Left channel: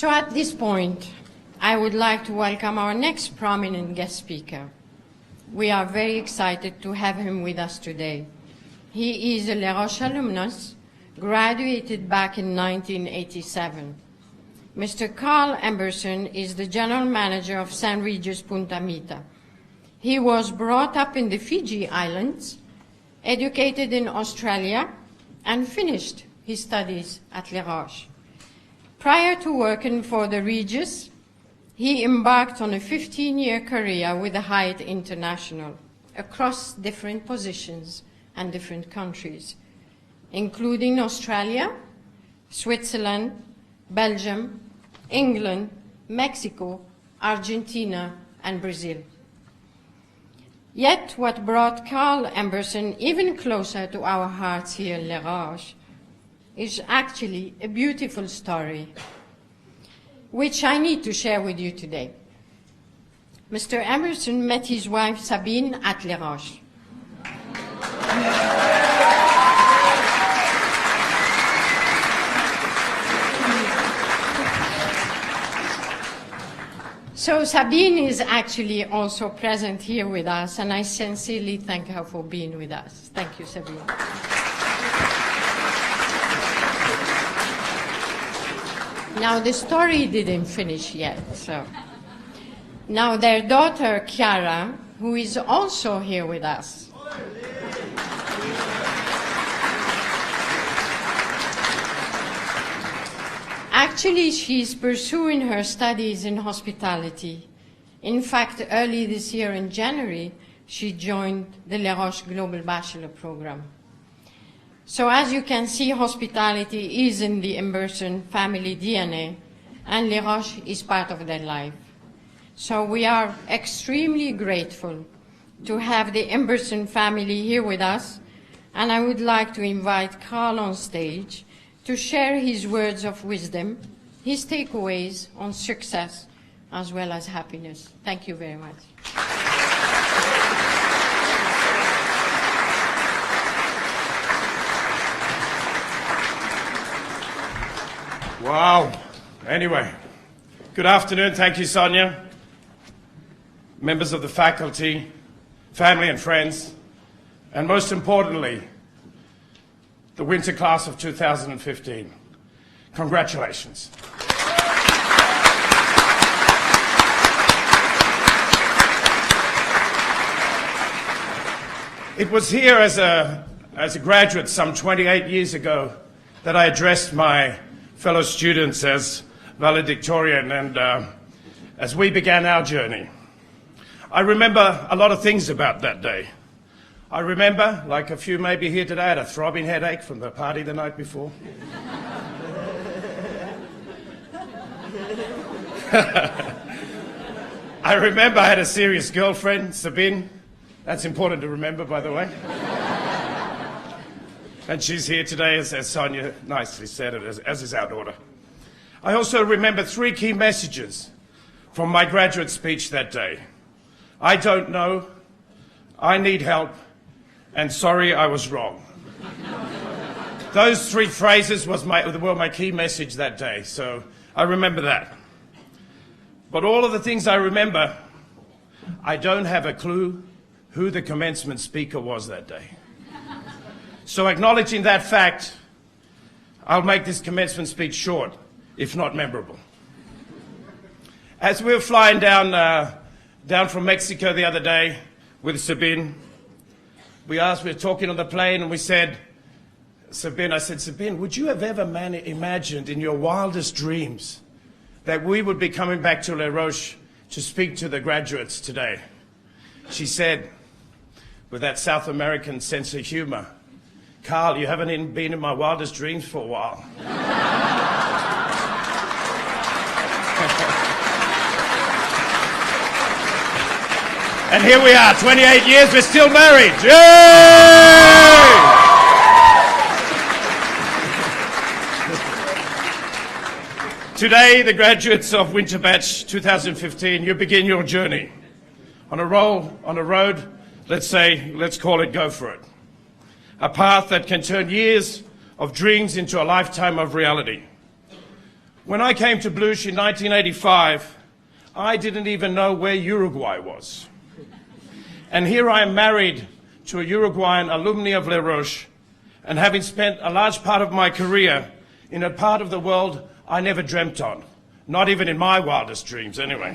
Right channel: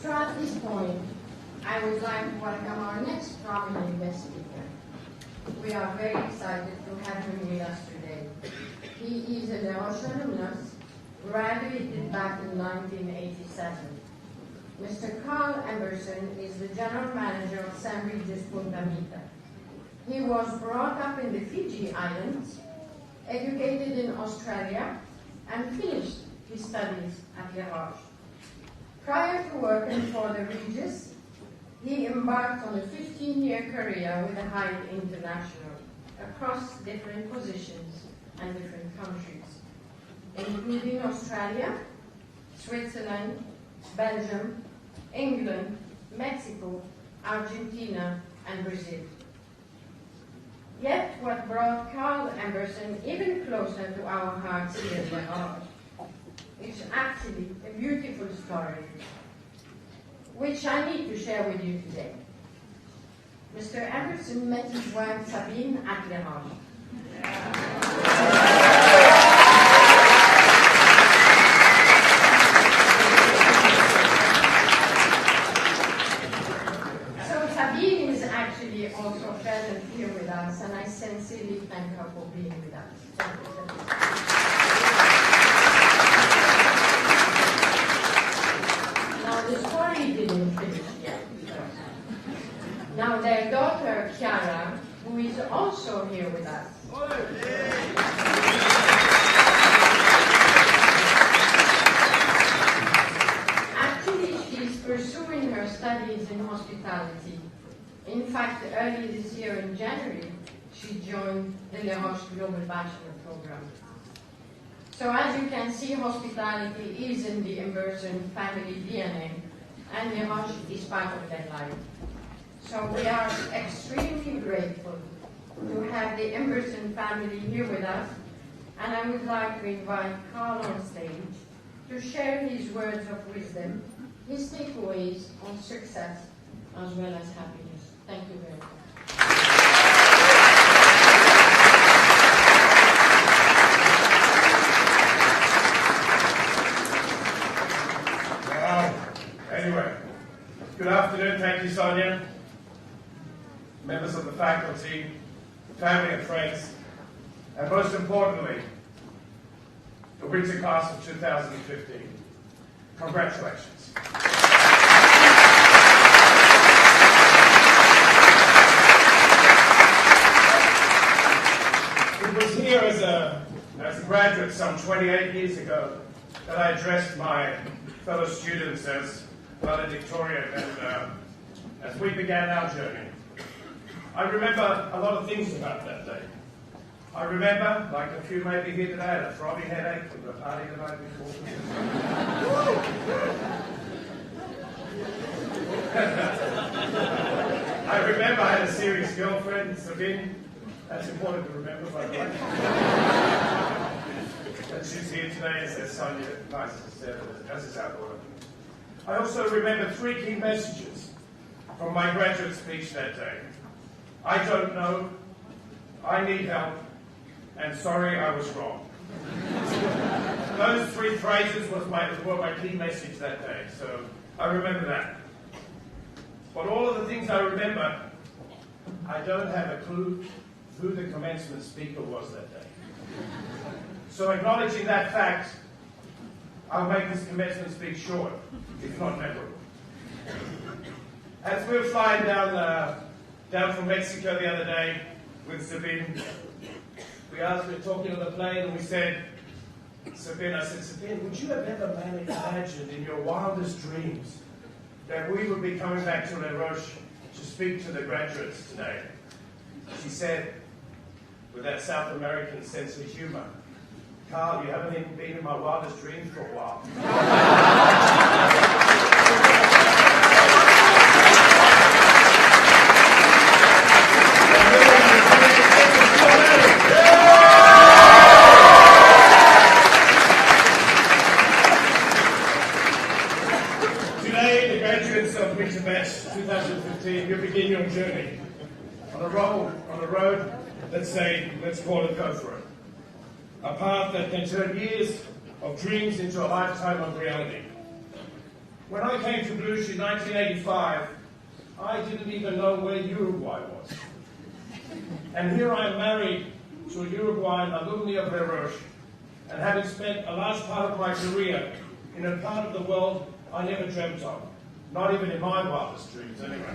So at this point, I would like to welcome our next prominent guest speaker. We are very excited to have him with us today. He is a Les Roches alumnus, graduated back in 1987. Mr. Carl Emberson is the general manager of St. Regis Punta Mita. He was brought up in the Fiji Islands, educated in Australia, and finished his studies at Les Roches. Prior to working for the Regis, he embarked on a 15-year career with the Hyatt International across different positions and different countries, including Australia, Switzerland, Belgium, England, Mexico, Argentina, and Brazil. Yet what brought Carl Emberson even closer to our hearts here in Les Roches is actually a beautiful story, which I need to share with you today. Mr. Emberson met his wife Sabine at Les Roches. So Sabine is actually also present here with us, and I sincerely thank her for being with us. Thank you, Sabine. Now, the story didn't finish yet. So now their daughter, Chiara, who is also here with us. Actually, she's pursuing her studies in hospitality. In fact, early this year in January, she joined the Les Roches Global Bachelor Program. So as you can see, hospitality is in the Emberson family DNA, and Les Roches is part of their life. So we are extremely grateful to have the Emberson family here with us, and I would like to invite Carl on stage to share his words of wisdom, his takeaways on success as well as happiness. Thank you very much. Wow. Anyway, good afternoon. Thank you, Sonia. Members of the faculty, family and friends, and most importantly, the winter class of 2015. Congratulations. It was here as a graduate some 28 years ago that I addressed my fellow students as valedictorian, and as we began our journey. I remember a lot of things about that day. I remember, like a few maybe here today, I had a throbbing headache from the party the night before. I remember I had a serious girlfriend, Sabine. That's important to remember, by the way. And she's here today, as Sonia nicely said, as is our daughter. I also remember 3 key messages from my graduate speech that day. I don't know, I need help, and sorry I was wrong. Those 3 phrases were my key message that day, so I remember that. But all of the things I remember, I don't have a clue who the commencement speaker was that day. So acknowledging that fact, I'll make this commencement speech short, if not memorable. As we were flying down from Mexico the other day with Sabine, we were talking on the plane, and we said, Sabine, would you have ever imagined in your wildest dreams that we would be coming back to Les Roches to speak to the graduates today? She said, with that South American sense of humor, Carl, you haven't been in my wildest dreams for a while. And here we are, 28 years, we're still married. Yay! Today, the graduates of Winter Batch 2015, you begin your journey on a road, let's call it Go For It. A path that can turn years of dreams into a lifetime of reality. When I came to Blush in 1985, I didn't even know where Uruguay was. And here I am married to a Uruguayan alumni of Les Roches, and having spent a large part of my career in a part of the world I never dreamt of, not even in my wildest dreams anyway.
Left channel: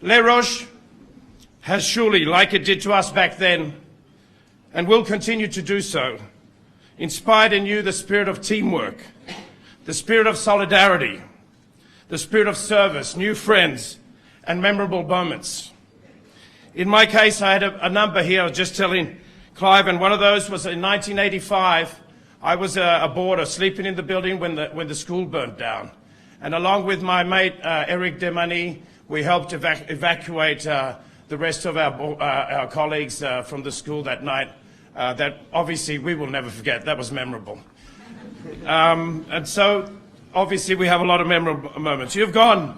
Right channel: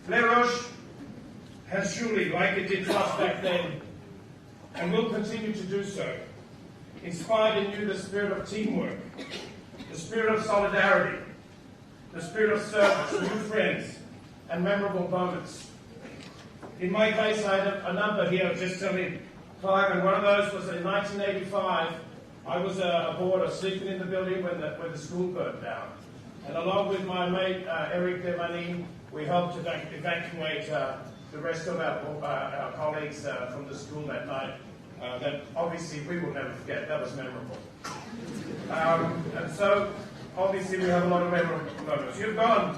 Les Roches has surely, like it did to us back then, and will continue to do so, inspired in you the spirit of teamwork, the spirit of solidarity, the spirit of service, new friends, and memorable moments. In my case, I had a number here. I was just telling Clive, and one of those was in 1985. I was a boarder sleeping in the building when the school burnt down. And along with my mate, Eric Demani, we helped evacuate the rest of our colleagues from the school that night. That obviously we will never forget. That was memorable. And so, obviously, we have a lot of memorable moments. You've gone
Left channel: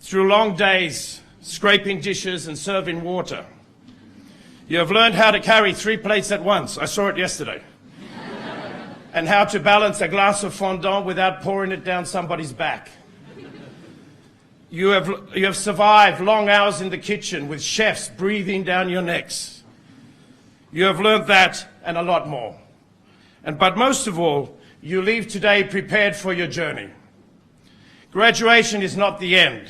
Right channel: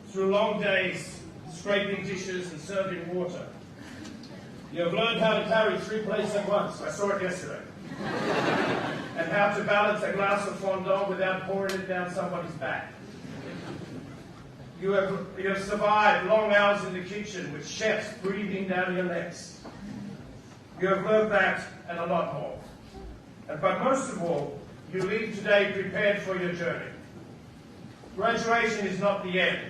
through long days scraping dishes and serving water. You have learned how to carry 3 plates at once. I saw it yesterday. And how to balance a glass of fondant without pouring it down somebody's back. You have survived long hours in the kitchen with chefs breathing down your necks. You have learned that and a lot more. But most of all, you leave today prepared for your journey. Graduation is not the end,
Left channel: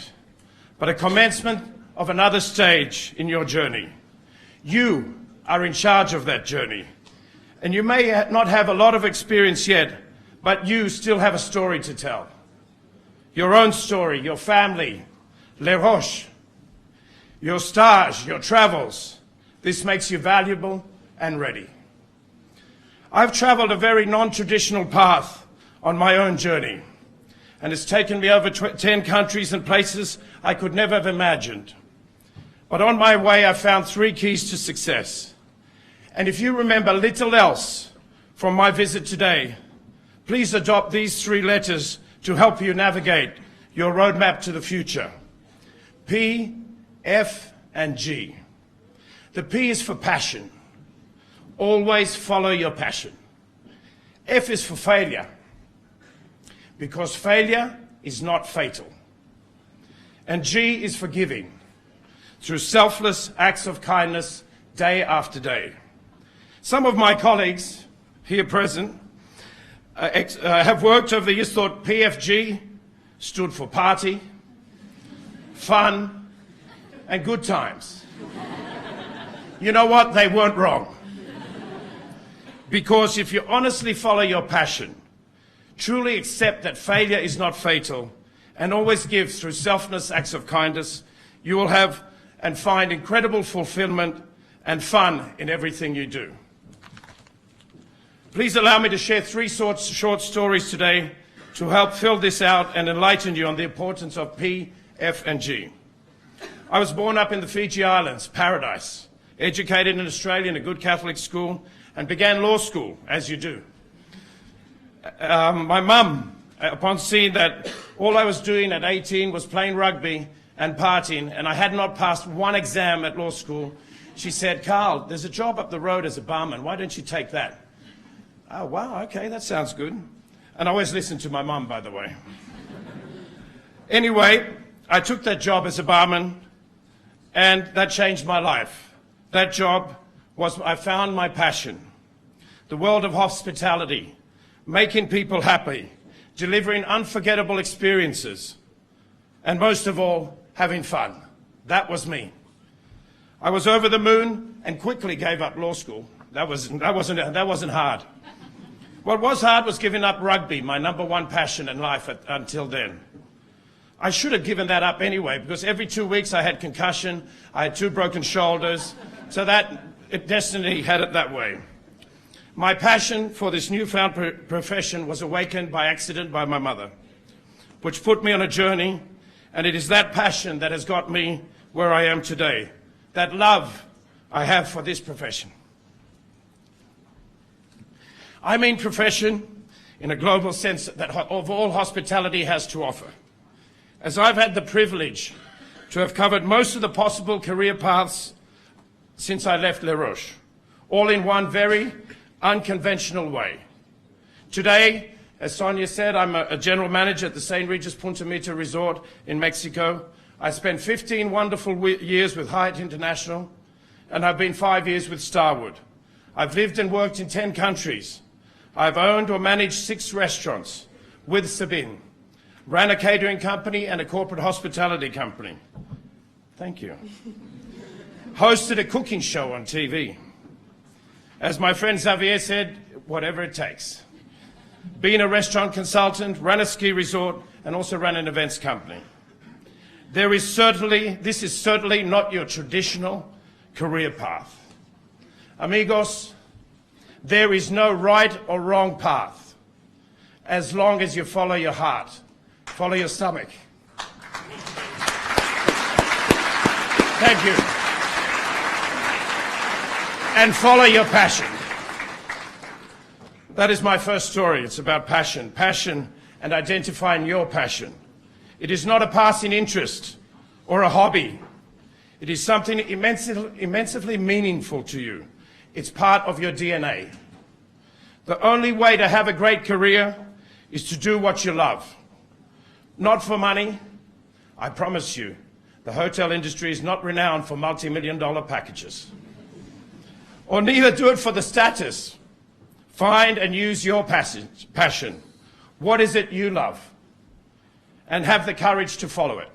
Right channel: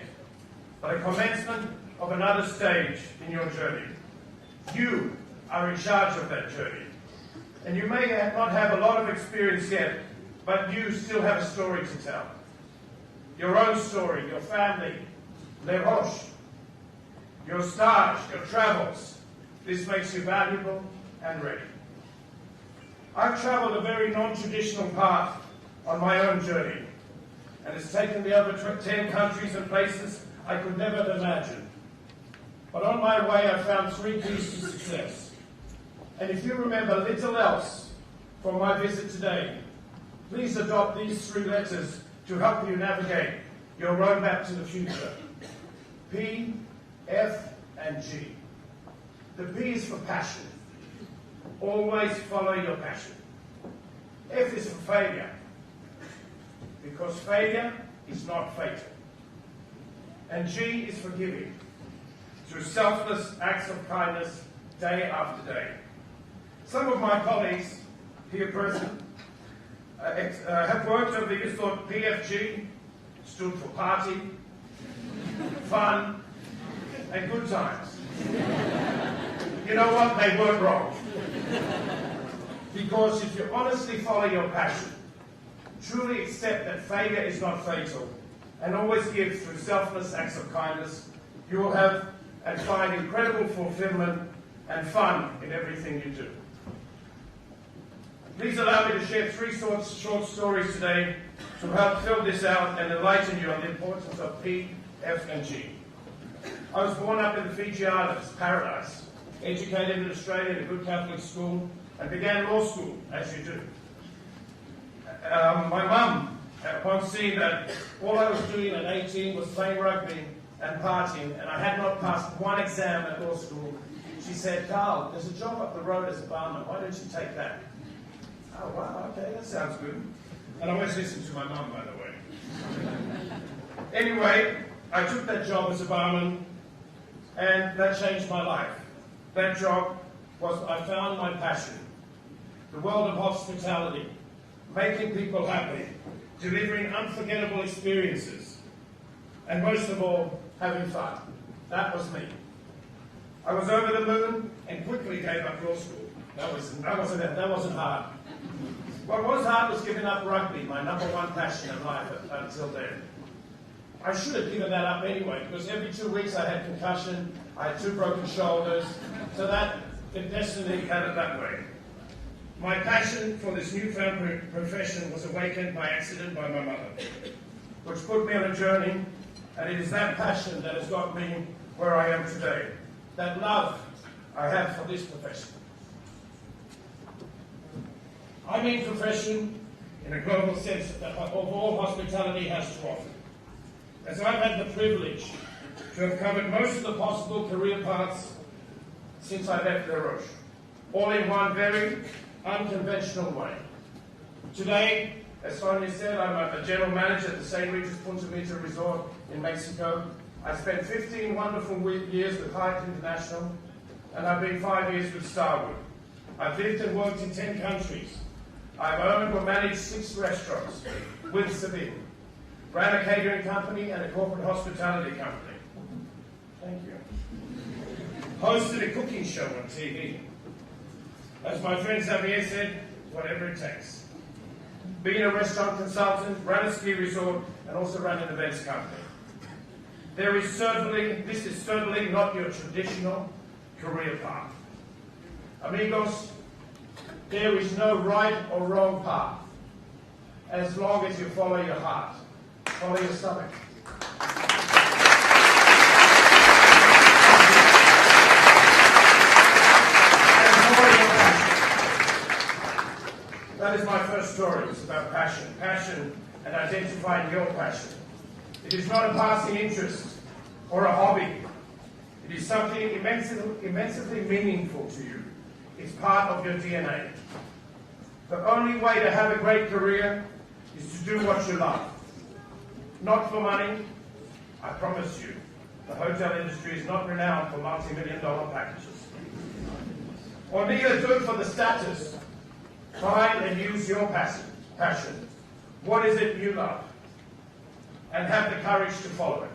but a commencement of another stage in your journey. You are in charge of that journey. And you may not have a lot of experience yet, but you still have a story to tell. Your own story, your family, Les Roches, your stage, your travels. This makes you valuable and ready. I've traveled a very non-traditional path on my own journey, and it's taken me over 10 countries and places I could never have imagined. But on my way, I found 3 keys to success. And if you remember little else from my visit today, please adopt these 3 letters to help you navigate your roadmap to the future. P, F, and G. The P is for passion. Always follow your passion. F is for failure, because failure is not fatal. And G is for giving, through selfless acts of kindness day after day. Some of my colleagues here present have worked over the years, thought PFG stood for party, fun, and good times. You know what? They weren't wrong. Because if you honestly follow your passion, truly accept that failure is not fatal, and always give through selfless acts of kindness, you will have and find incredible fulfillment and fun in everything you do. Please allow me to share 3 short stories today to help fill this out and enlighten you on the importance of P, F, and G. I was born up in the Fiji Islands, paradise, educated in Australia in a good Catholic school, and began law school, as you do. My mum, upon seeing that all I was doing at 18 was playing rugby and partying, and I had not passed 1 exam at law school, she said, "Carl, there's a job up the road as a barman. Why don't you take that?" Oh, wow, okay, that sounds good. And I always listen to my mum, by the way. Anyway, I took that job as a barman, and that changed my life. That job was, I found my passion. The world of hospitality, making people happy, delivering unforgettable experiences, and most of all, having fun. That was me. I was over the moon and quickly gave up law school. That wasn't hard. What was hard was giving up rugby, my #1 passion in life until then. I should have given that up anyway, because every 2 weeks I had concussion, I had 2 broken shoulders, so that destiny had it that way. My passion for this newfound profession was awakened by accident by my mother, which put me on a journey, and it is that passion that has got me where I am today, that love I have for this profession. I mean profession in a global sense that of all hospitality has to offer. As I've had the privilege to have covered most of the possible career paths since I left Les Roches, all in one very unconventional way. Today, As Sonia said, I'm a general manager at the St. Regis Punta Mita Resort in Mexico. I spent 15 wonderful years with Hyatt International, and I've been 5 years with Starwood. I've lived and worked in 10 countries. I've owned or managed 6 restaurants with Sabine, ran a catering company and a corporate hospitality company. Thank you. Hosted a cooking show on TV. As my friend Xavier said, whatever it takes. Been a restaurant consultant, ran a ski resort, and also ran an events company. This is certainly not your traditional career path. Amigos, there is no right or wrong path, as long as you follow your heart, follow your stomach. Thank you. And follow your passion. That is my first story. It's about passion. Passion and identifying your passion. It is not a passing interest or a hobby. It is something immensely meaningful to you. It's part of your DNA. The only way to have a great career is to do what you love. Not for money. I promise you, the hotel industry is not renowned for multi-million-dollar packages. Or neither do it for the status. Find and use your passion. What is it you love? And have the courage to follow it.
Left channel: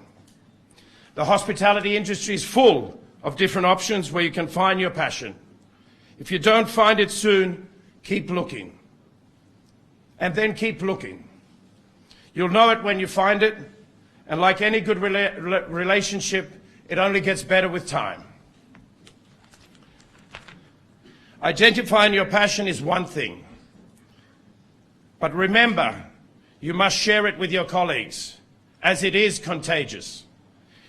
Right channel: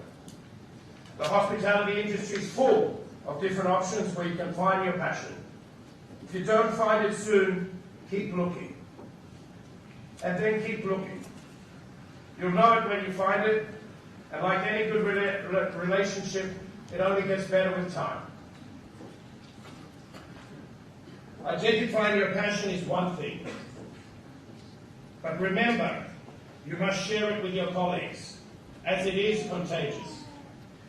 The hospitality industry is full of different options where you can find your passion. If you don't find it soon, keep looking. And then keep looking. You'll know it when you find it, and like any good relationship, it only gets better with time. Identifying your passion is one thing. But remember, you must share it with your colleagues, as it is contagious.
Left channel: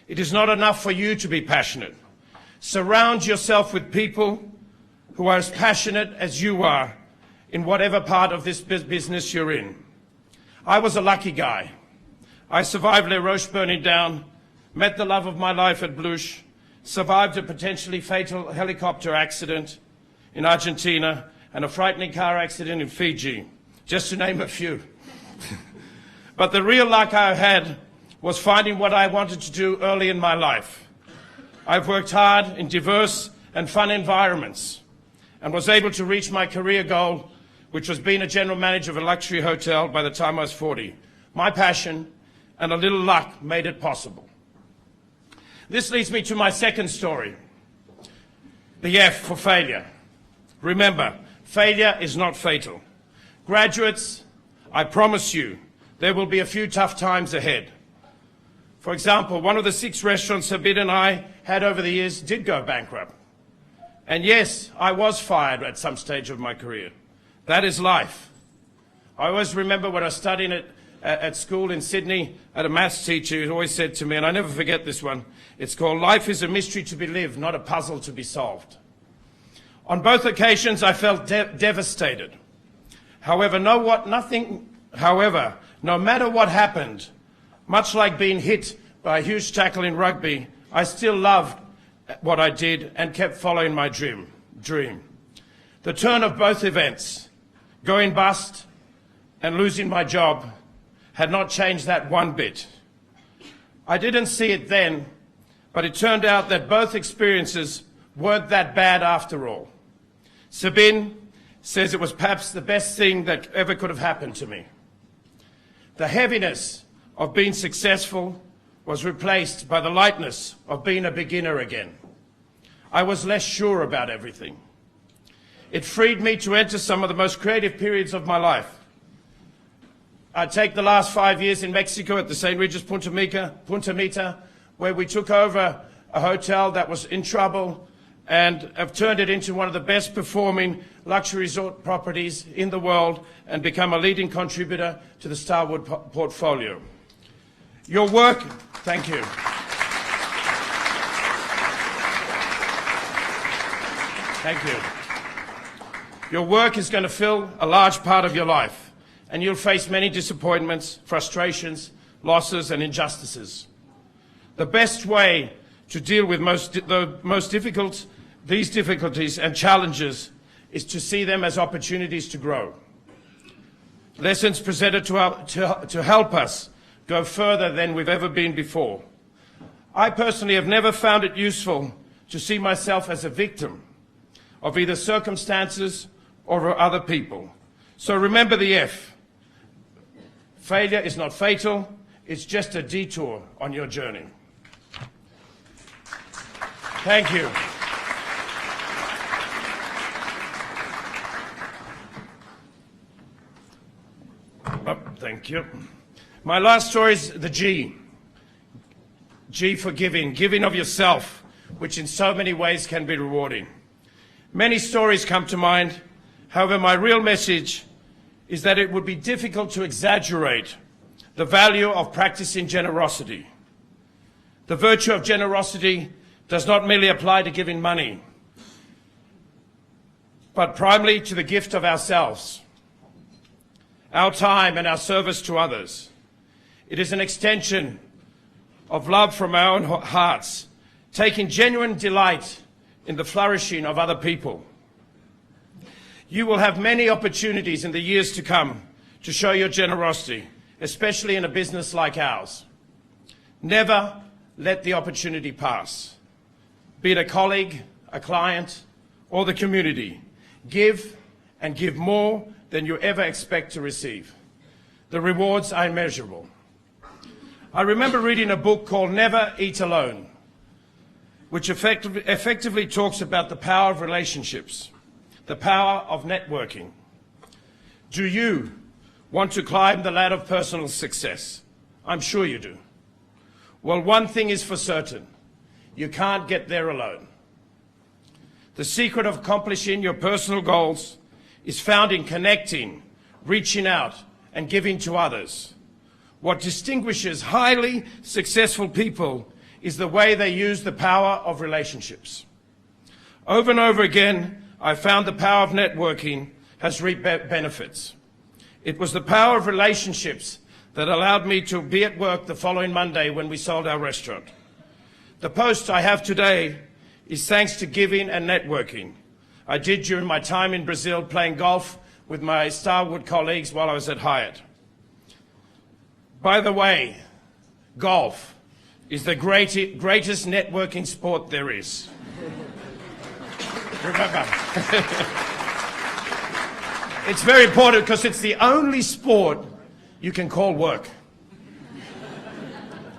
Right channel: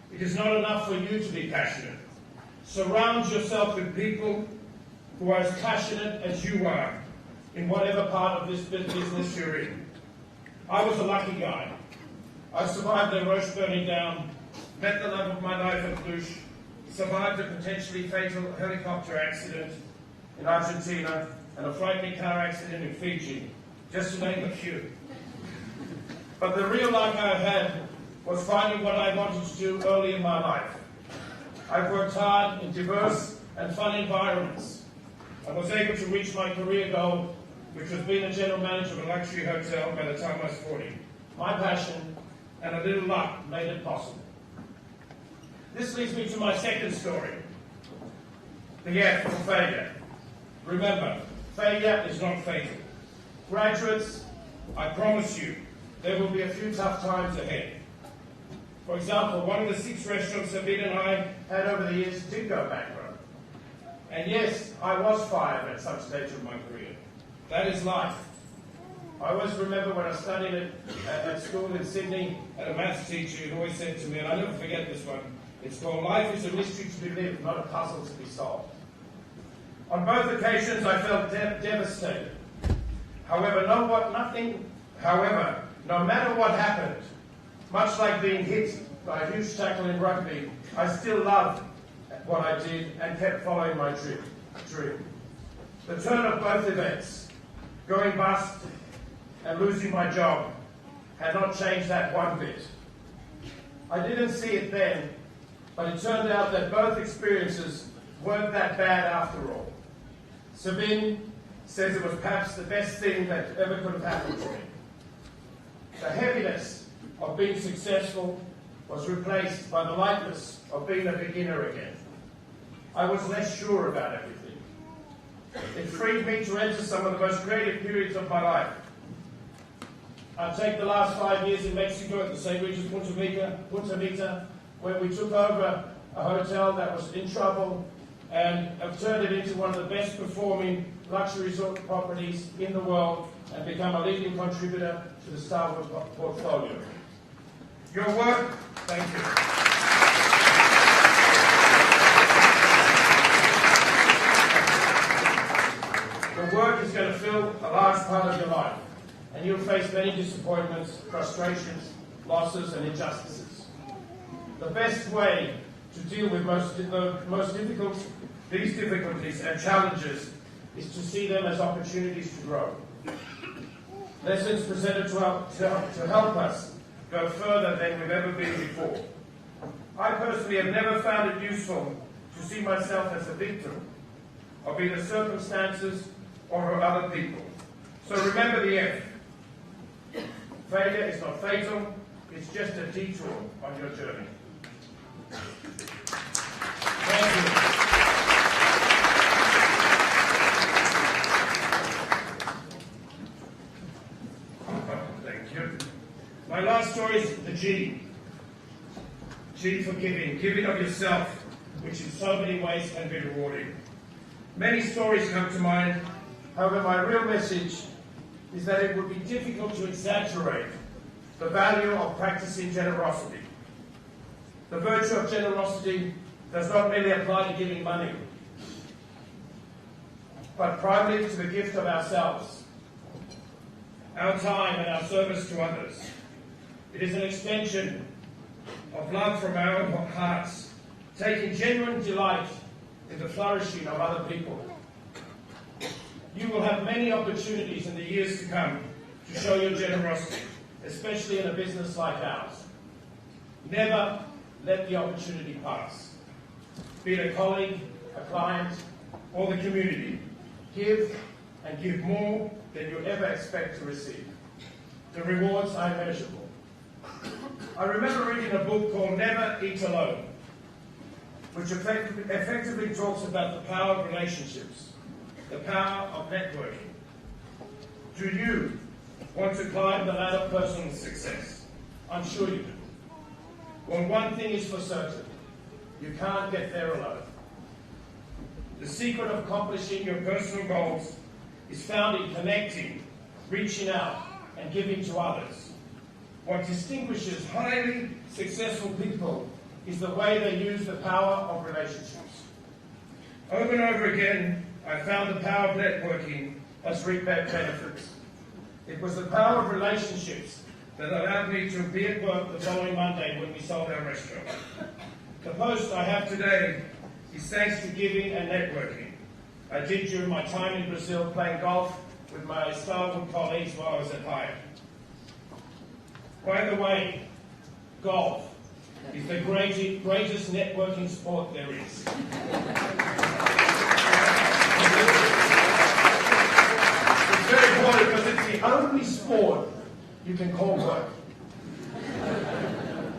It is not enough for you to be passionate. Surround yourself with people who are as passionate as you are in whatever part of this business you're in. I was a lucky guy. I survived Les Roches burning down, met the love of my life at Bluche, survived a potentially fatal helicopter accident in Argentina, and a frightening car accident in Fiji, just to name a few. But the real luck I had was finding what I wanted to do early in my life. I've worked hard in diverse and fun environments and was able to reach my career goal, which was being a general manager of a luxury hotel by the time I was 40. My passion and a little luck made it possible. This leads me to my second story, the F for failure. Remember, failure is not fatal. Graduates, I promise you, there will be a few tough times ahead. For example, one of the 6 restaurants Sabine and I had over the years did go bankrupt. And yes, I was fired at some stage of my career. That is life. I always remember when I was studying at school in Sydney, I had a maths teacher who always said to me, and I never forget this one, it's called "Life is a mystery to be lived, not a puzzle to be solved." On both occasions, I felt devastated. However, no matter what happened, much like being hit by a huge tackle in rugby, I still loved what I did and kept following my dream. The turn of both events, going bust and losing my job, had not changed that one bit. I didn't see it then, but it turned out that both experiences weren't that bad after all. Sabine says it was perhaps the best thing that ever could have happened to me. The heaviness of being successful was replaced by the lightness of being a beginner again. I was less sure about everything. It freed me to enter some of the most creative periods of my life. I'd take the last 5 years in Mexico at the St. Regis Punta Mita, where we took over a hotel that was in trouble and have turned it into one of the best performing luxury resort properties in the world and become a leading contributor to the Starwood portfolio. Your work, thank you. Thank you. Your work is going to fill a large part of your life, and you'll face many disappointments, frustrations, losses, and injustices. The best way to deal with these difficulties and challenges is to see them as opportunities to grow. lessons presented to help us go further than we've ever been before. I personally have never found it useful to see myself as a victim of either circumstances or of other people. So remember the F. Failure is not fatal, it's just a detour on your journey. Thank you. Oh, thank you. My last story is the G. G for giving, giving of yourself, which in so many ways can be rewarding. Many stories come to mind. However, my real message is that it would be difficult to exaggerate the value of practicing generosity. The virtue of generosity does not merely apply to giving money, but primarily to the gift of ourselves, our time and our service to others. It is an extension of love from our own hearts, taking genuine delight in the flourishing of other people. You will have many opportunities in the years to come to show your generosity, especially in a business like ours. Never let the opportunity pass. Be it a colleague, a client, or the community. Give and give more than you ever expect to receive. The rewards are immeasurable. I remember reading a book called Never Eat Alone, which effectively talks about the power of relationships, the power of networking. Do you want to climb the ladder of personal success? I'm sure you do. Well, one thing is for certain. You can't get there alone. The secret of accomplishing your personal goals is found in connecting, reaching out, and giving to others. What distinguishes highly successful people is the way they use the power of relationships. Over and over again, I found the power of networking has reaped benefits. It was the power of relationships that allowed me to be at work the following Monday when we sold our restaurant. The post I have today is thanks to giving and networking I did during my time in Brazil playing golf with my Starwood colleagues while I was at Hyatt. By the way, golf is the greatest networking sport there is. It's very important because it's the only sport you can call work.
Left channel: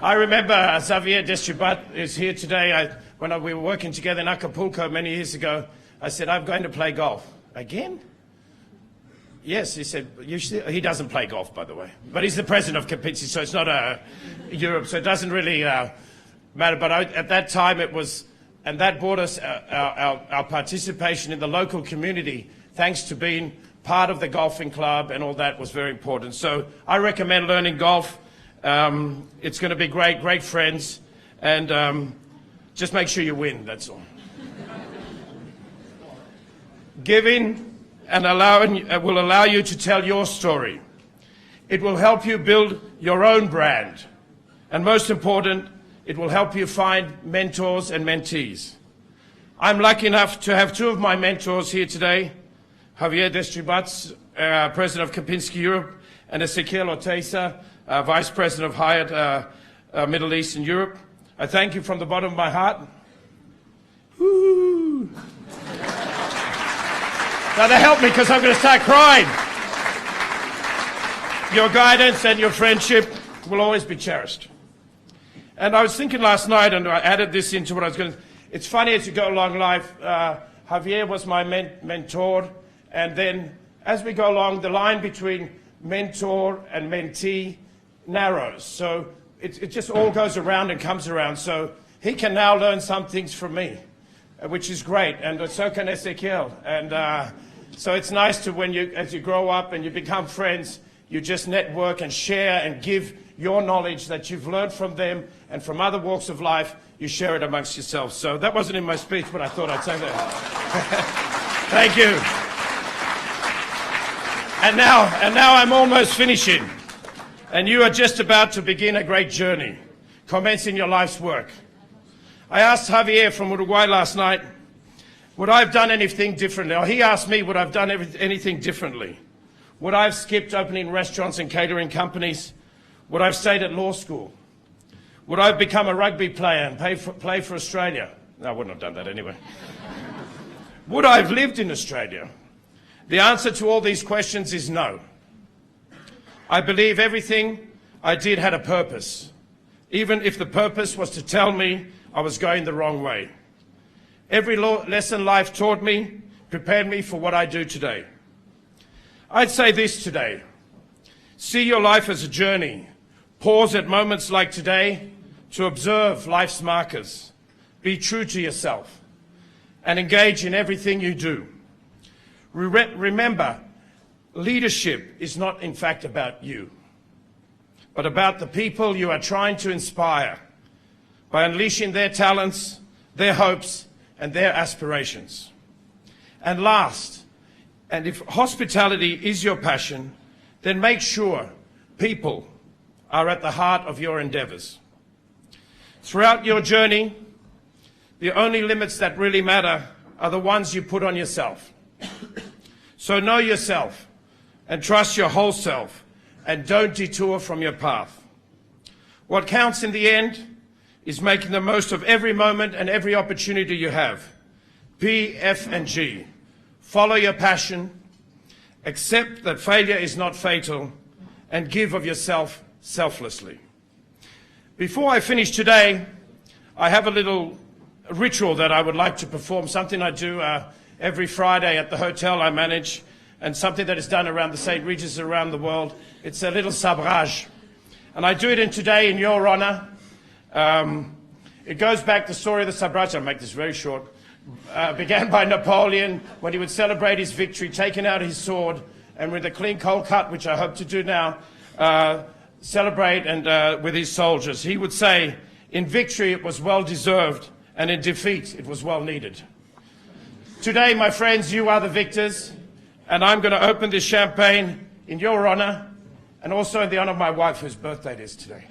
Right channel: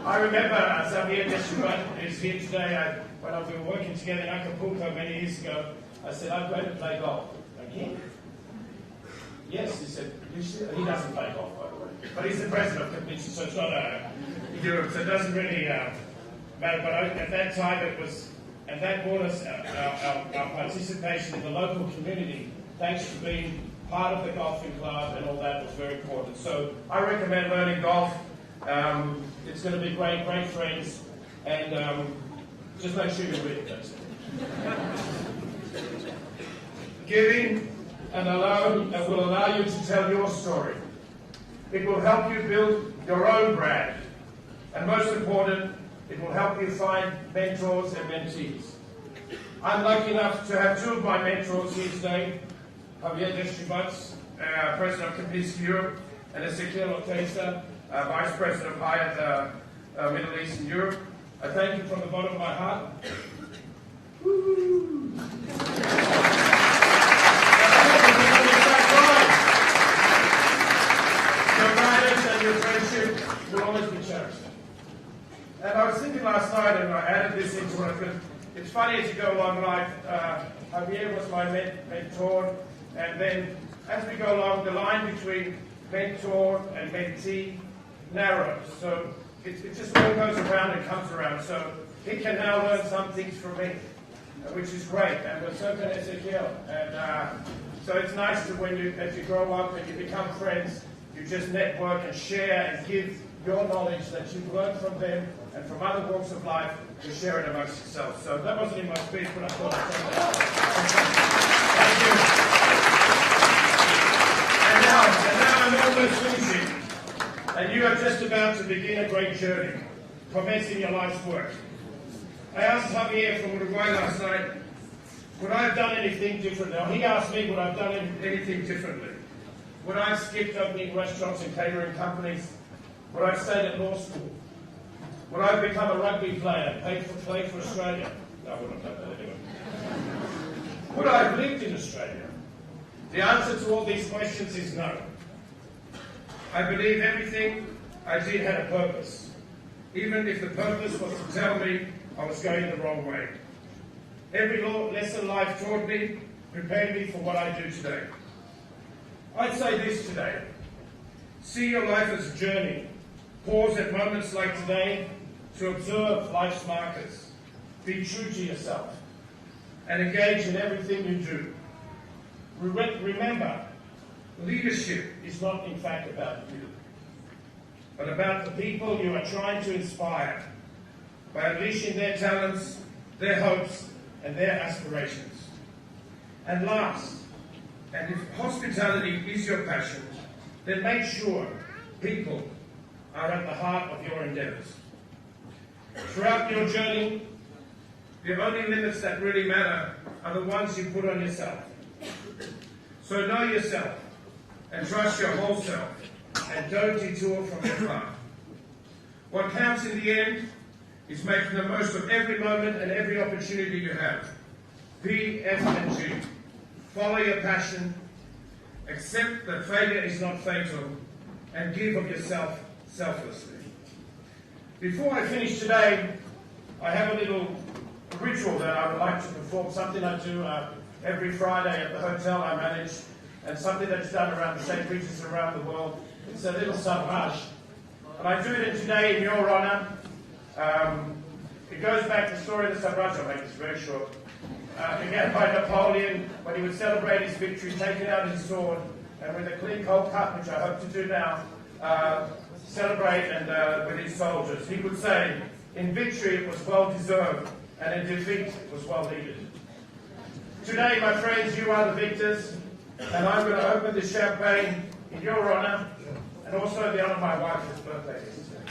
I remember Xavier Destribat is here today. When we were working together in Acapulco many years ago, I said, I'm going to play golf. Again? Yes, he said, he doesn't play golf, by the way. But he's the president of Commencement, so it's not Europe, so it doesn't really matter. But at that time it was, and that brought us our participation in the local community, thanks to being part of the golfing club and all that was very important. So I recommend learning golf. It's going to be great friends, and just make sure you win, that's all. Giving and will allow you to tell your story. It will help you build your own brand. And most important, it will help you find mentors and mentees. I'm lucky enough to have two of my mentors here today, Javier Destribat, President of Kempinski Europe, and Ezequiel Oteiza, Vice President of Hyatt Middle East and Europe. I thank you from the bottom of my heart. Woo. Gotta help me because I'm going to start crying. Your guidance and your friendship will always be cherished. And I was thinking last night, and I added this into what I was going to... It's funny as you go along life, Javier was my mentor, and then as we go along, the line between mentor and mentee narrows. So it just all goes around and comes around. So he can now learn some things from me, which is great, and so can Ezequiel. And so it's nice to, as you grow up and you become friends, you just network and share and give your knowledge that you've learned from them and from other walks of life, you share it amongst yourselves. So that wasn't in my speech, but I thought I'd say that. Thank you. And now I'm almost finishing. And you are just about to begin a great journey, commencing your life's work. I asked Javier from Uruguay last night, would I have done anything differently? Or he asked me, would I have done anything differently? Would I have skipped opening restaurants and catering companies? Would I have stayed at law school? Would I have become a rugby player and play for Australia? No, I wouldn't have done that anyway. Would I have lived in Australia? The answer to all these questions is no. I believe everything I did had a purpose, even if the purpose was to tell me I was going the wrong way. Every lesson life taught me prepared me for what I do today. I'd say this today: see your life as a journey. Pause at moments like today to observe life's markers. Be true to yourself and engage in everything you do. Remember, leadership is not in fact about you, but about the people you are trying to inspire by unleashing their talents, their hopes, and their aspirations. And last, and if hospitality is your passion, then make sure people are at the heart of your endeavors. Throughout your journey, the only limits that really matter are the ones you put on yourself. So know yourself and trust your whole self, and don't detour from your path. What counts in the end is making the most of every moment and every opportunity you have. P, F, and G. Follow your passion, accept that failure is not fatal, and give of yourself selflessly. Before I finish today, I have a little ritual that I would like to perform, something I do every Friday at the hotel I manage, and something that is done around the St. Regis around the world. It's a little sabrage. And I do it today in your honor. It goes back to the story of the sabrage. I'll make this very short. Began by Napoleon when he would celebrate his victory, taking out his sword, and with a clean cold cut, which I hope to do now, celebrate and with his soldiers. He would say, in victory it was well deserved, and in defeat it was well needed. Today, my friends, you are the victors, and I'm going to open this champagne in your honor, and also in the honor of my wife, whose birthday it is today.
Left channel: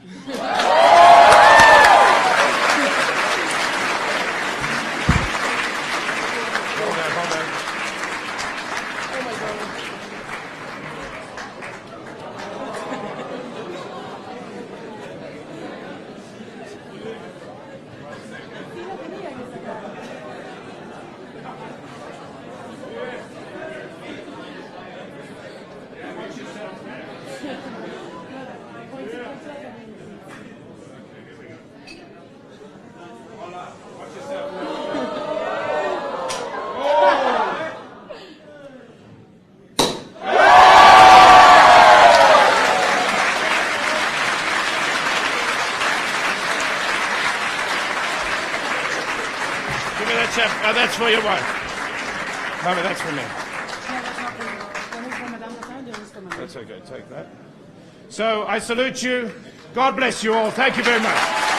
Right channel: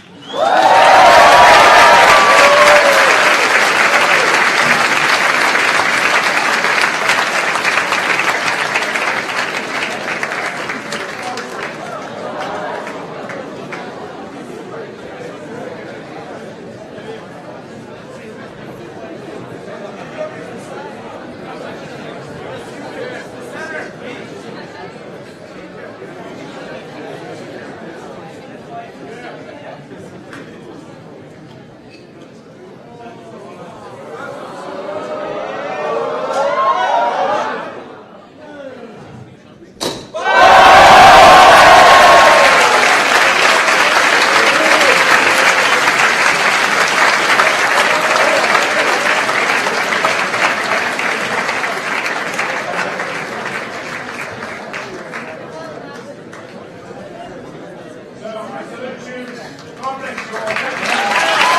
So I salute you. God bless you all. Thank you very much.